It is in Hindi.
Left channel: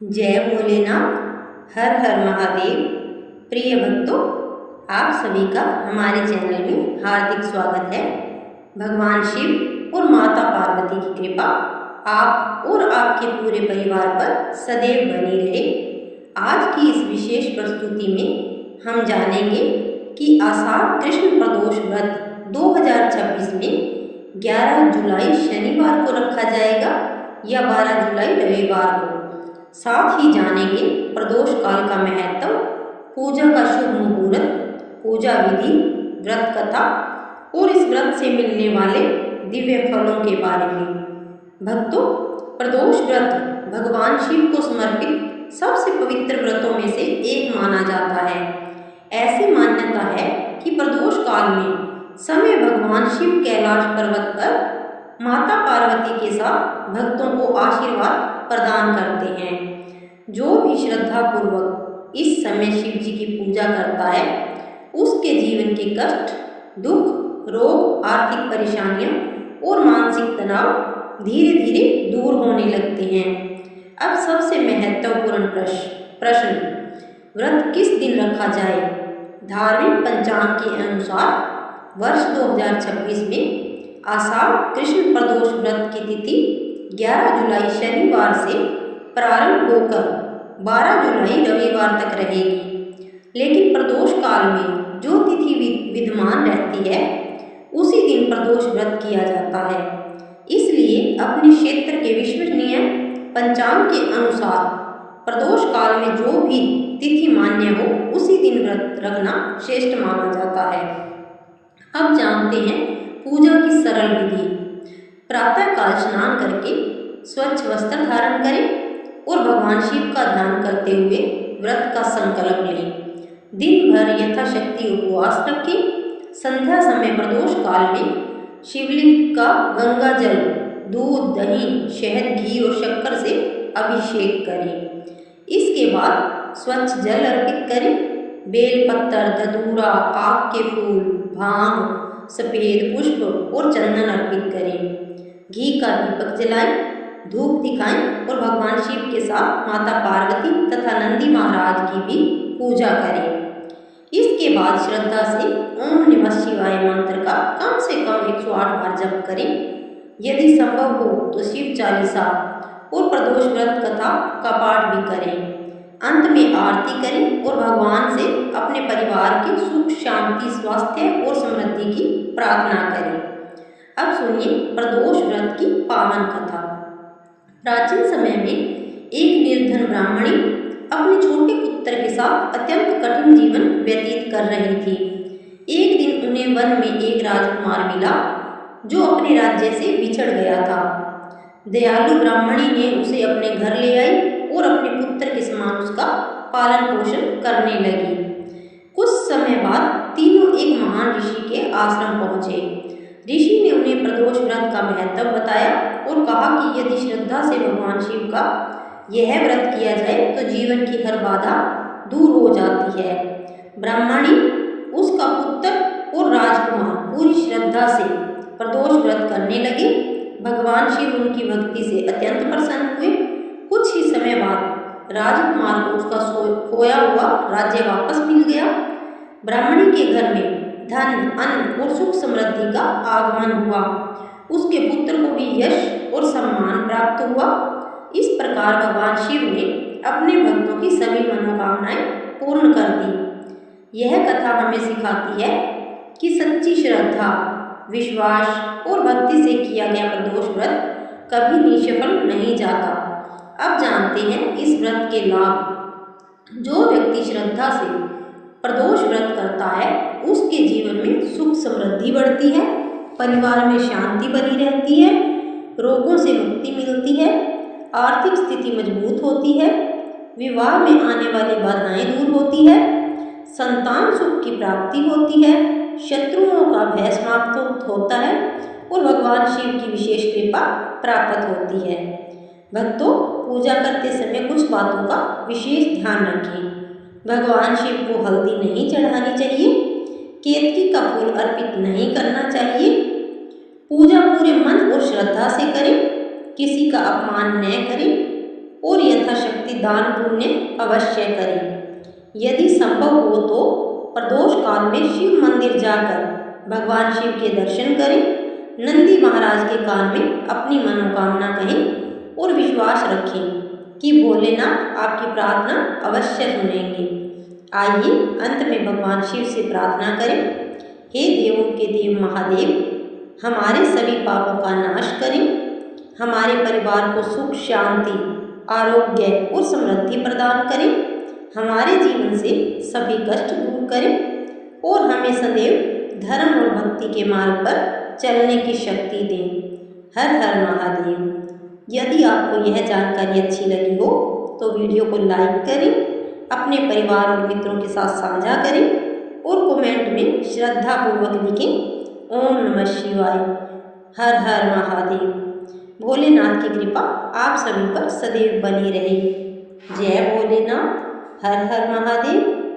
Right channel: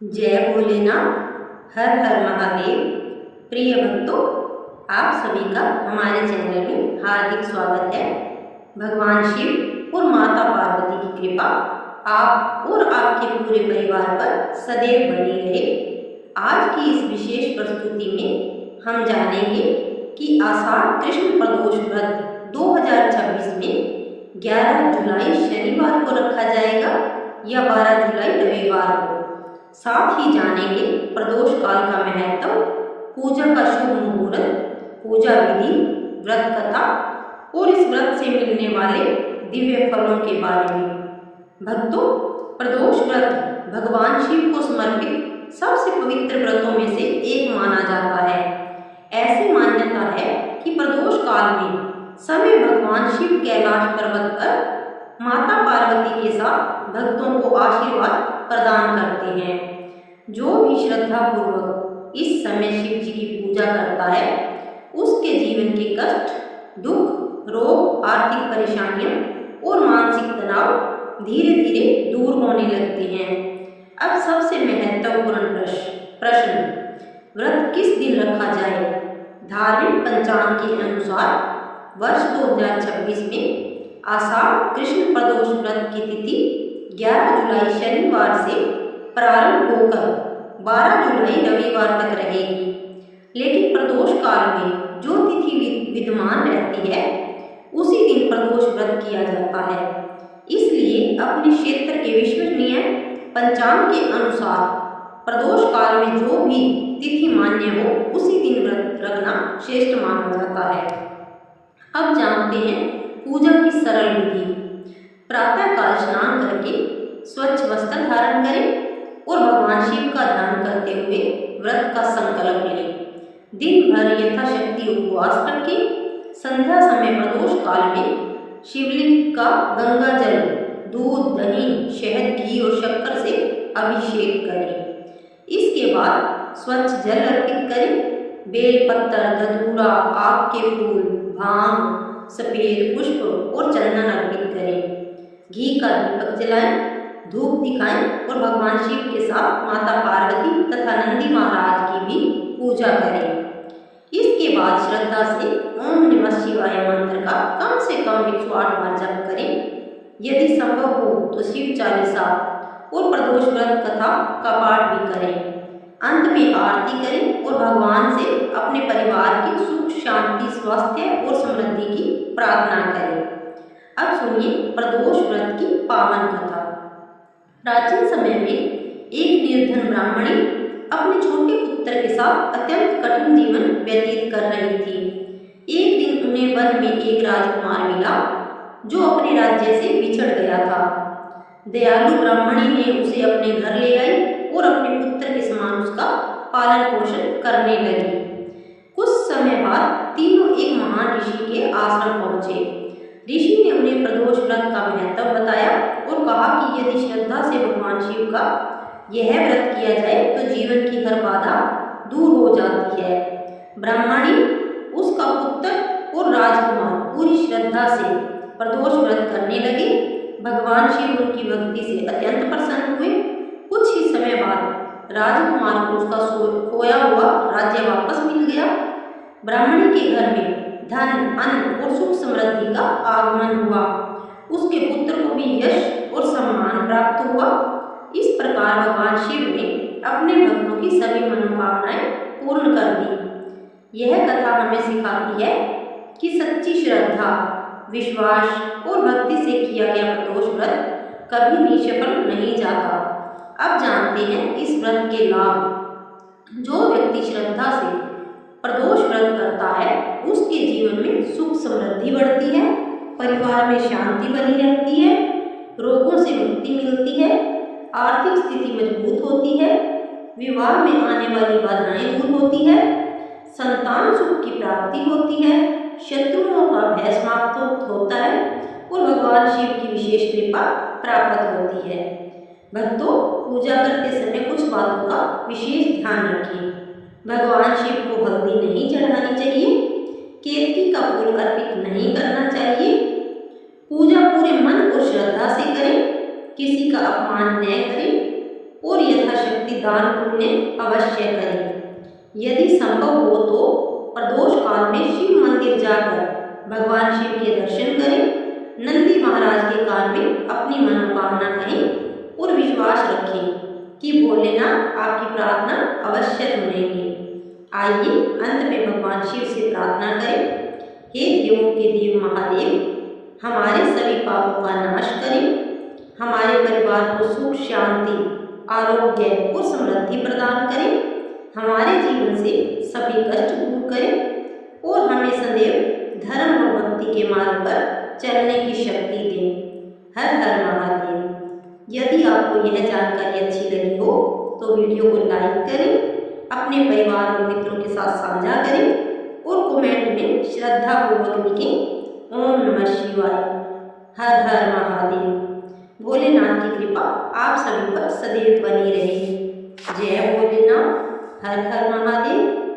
जय भोलेनाथ। हर हर महादेव। प्रिय भक्तों, आप सभी का हमारे चैनल में हार्दिक स्वागत है। भगवान शिव और माता पार्वती की कृपा आप और आपके पूरे परिवार पर सदैव बनी रहे। आज की इस विशेष प्रस्तुति में हम जानेंगे कि आषाढ़ कृष्ण प्रदोष व्रत 2026 में 11 जुलाई शनिवार को रखा जाएगा या 12 जुलाई रविवार को। साथ ही जानेंगे प्रदोष काल का महत्व, पूजा का शुभ मुहूर्त, पूजा विधि, व्रत कथा और इस व्रत से मिलने वाले दिव्य फलों के बारे में। भक्तों, प्रदोष व्रत भगवान शिव को समर्पित सबसे पवित्र व्रतों में से एक माना जाता है। ऐसी मान्यता है कि प्रदोष काल में समय भगवान शिव कैलाश पर्वत पर माता पार्वती के साथ भक्तों को आशीर्वाद प्रदान करते हैं। जो भी श्रद्धा पूर्वक इस समय शिव जी की पूजा करता है, उसके जीवन के कष्ट, दुख, रोग, आर्थिक परेशानियां और मानसिक तनाव धीरे धीरे दूर होने लगते हैं। अब सबसे महत्वपूर्ण प्रश्न, व्रत किस दिन रखा जाए? धार्मिक पंचांग के अनुसार वर्ष 2026 में आषाढ़ कृष्ण प्रदोष व्रत की तिथि 11 जुलाई शनिवार से प्रारंभ होकर 12 जुलाई रविवार तक रहेगी। लेकिन प्रदोष काल में जो तिथि विद्यमान रहती है, उसी दिन प्रदोष व्रत किया जाता है। इसलिए अपने क्षेत्र के विश्वसनीय पंचांग के अनुसार प्रदोष काल में जो भी तिथि मान्य हो, उसी दिन व्रत रखना श्रेष्ठ माना जाता है। अब जानते हैं पूजा की सरल विधि। प्रातः काल स्नान करके स्वच्छ वस्त्र धारण करें और भगवान शिव का ध्यान करते हुए व्रत का संकल्प लें। दिन भर यथाशक्ति उपवास रखें। संध्या समय प्रदोष काल में शिवलिंग का गंगा जल, दूध, दही, शहद, घी और शक्कर से अभिषेक करें। इसके बाद स्वच्छ जल अर्पित करें। बेल पत्तर, धतूरा, आक के फूल, भांग, सफेद पुष्प और चंदन अर्पित करें। घी का दीपक जलाएं, धूप दिखाएं और भगवान शिव के साथ माता पार्वती तथा नंदी महाराज की भी पूजा करें। इसके बाद श्रद्धा से ओम नमः शिवाय मंत्र का कम से कम 108 बार जप करें। यदि संभव हो तो शिव चालीसा और प्रदोष व्रत कथा का पाठ भी करें। अंत में आरती करें और भगवान से अपने परिवार के सुख, शांति, स्वास्थ्य और समृद्धि की प्रार्थना करें। अब सुनिए प्रदोष व्रत की पावन कथा। प्राचीन समय में एक निर्धन ब्राह्मणी अपने छोटे पुत्र के साथ अत्यंत कठिन जीवन व्यतीत कर रही थी। एक दिन उन्हें वन में एक राजकुमार मिला जो अपने राज्य से बिछड़ गया था। दयालु ब्राह्मणी ने उसे अपने घर ले आई और अपने पुत्र के समान उसका पालन पोषण करने लगी। कुछ समय बाद तीनों एक महान ऋषि के आश्रम पहुँचे। ऋषि ने उन्हें प्रदोष व्रत का महत्व बताया और कहा कि यदि श्रद्धा से भगवान शिव का यह व्रत किया जाए तो जीवन की हर बाधा दूर हो जाती है। ब्राह्मणी, उसका पुत्र और राजकुमार पूरी श्रद्धा से प्रदोष व्रत करने लगे। भगवान शिव उनकी भक्ति से अत्यंत प्रसन्न हुए। कुछ ही समय बाद राजकुमार को उसका खोया हुआ राज्य वापस मिल गया। ब्राह्मणी के घर में धन, अन्न और सुख समृद्धि का आगमन हुआ। उसके पुत्र को भी यश और सम्मान प्राप्त हुआ। इस प्रकार भगवान शिव ने अपने भक्तों की सभी मनोकामनाएं पूर्ण कर दी। यह कथा हमें सिखाती है कि सच्ची श्रद्धा, विश्वास और भक्ति से किया गया प्रदोष व्रत कभी निष्फल नहीं जाता। अब जानते हैं इस व्रत के लाभ। जो व्यक्ति श्रद्धा से प्रदोष व्रत करता है, उसके जीवन में सुख समृद्धि बढ़ती है, परिवार में शांति बनी रहती है, रोगों से मुक्ति मिलती है, आर्थिक स्थिति मजबूत होती है, विवाह में आने वाली बाधाएं दूर होती है, संतान सुख की प्राप्ति होती है, शत्रुओं का भय समाप्त होता है और भगवान शिव की विशेष कृपा प्राप्त होती है। भक्तों, पूजा करते समय कुछ बातों का विशेष ध्यान रखें। भगवान शिव को हल्दी नहीं चढ़ानी चाहिए, केतकी का फूल अर्पित नहीं करना चाहिए। पूजा पूरे मन और श्रद्धा से करें, किसी का अपमान न करें और यथाशक्ति यथाशक्ति दान पुण्य अवश्य करें। यदि संभव हो तो प्रदोष काल में शिव मंदिर जाकर भगवान शिव के दर्शन करें। नंदी महाराज के कान में अपनी मनोकामना कहें और विश्वास रखें कि भोलेनाथ आपकी प्रार्थना अवश्य सुनेंगे। आइए अंत में भगवान शिव से प्रार्थना करें। हे देवों के देव महादेव, हमारे सभी पापों का नाश करें, हमारे परिवार को सुख शांति आरोग्य और समृद्धि प्रदान करें, हमारे जीवन से सभी कष्ट दूर करें और हमें सदैव धर्म और भक्ति के मार्ग पर चलने की शक्ति दें। हर हर महादेव। यदि आपको यह जानकारी अच्छी लगी हो तो वीडियो को लाइक करें, अपने परिवार और मित्रों के साथ साझा करें और कमेंट में श्रद्धापूर्वक लिखें ओम नमः शिवाय। हर हर महादेव। भोलेनाथ की कृपा आप सभी पर सदैव बनी रहे। जय भोलेनाथ। हर हर महादेव।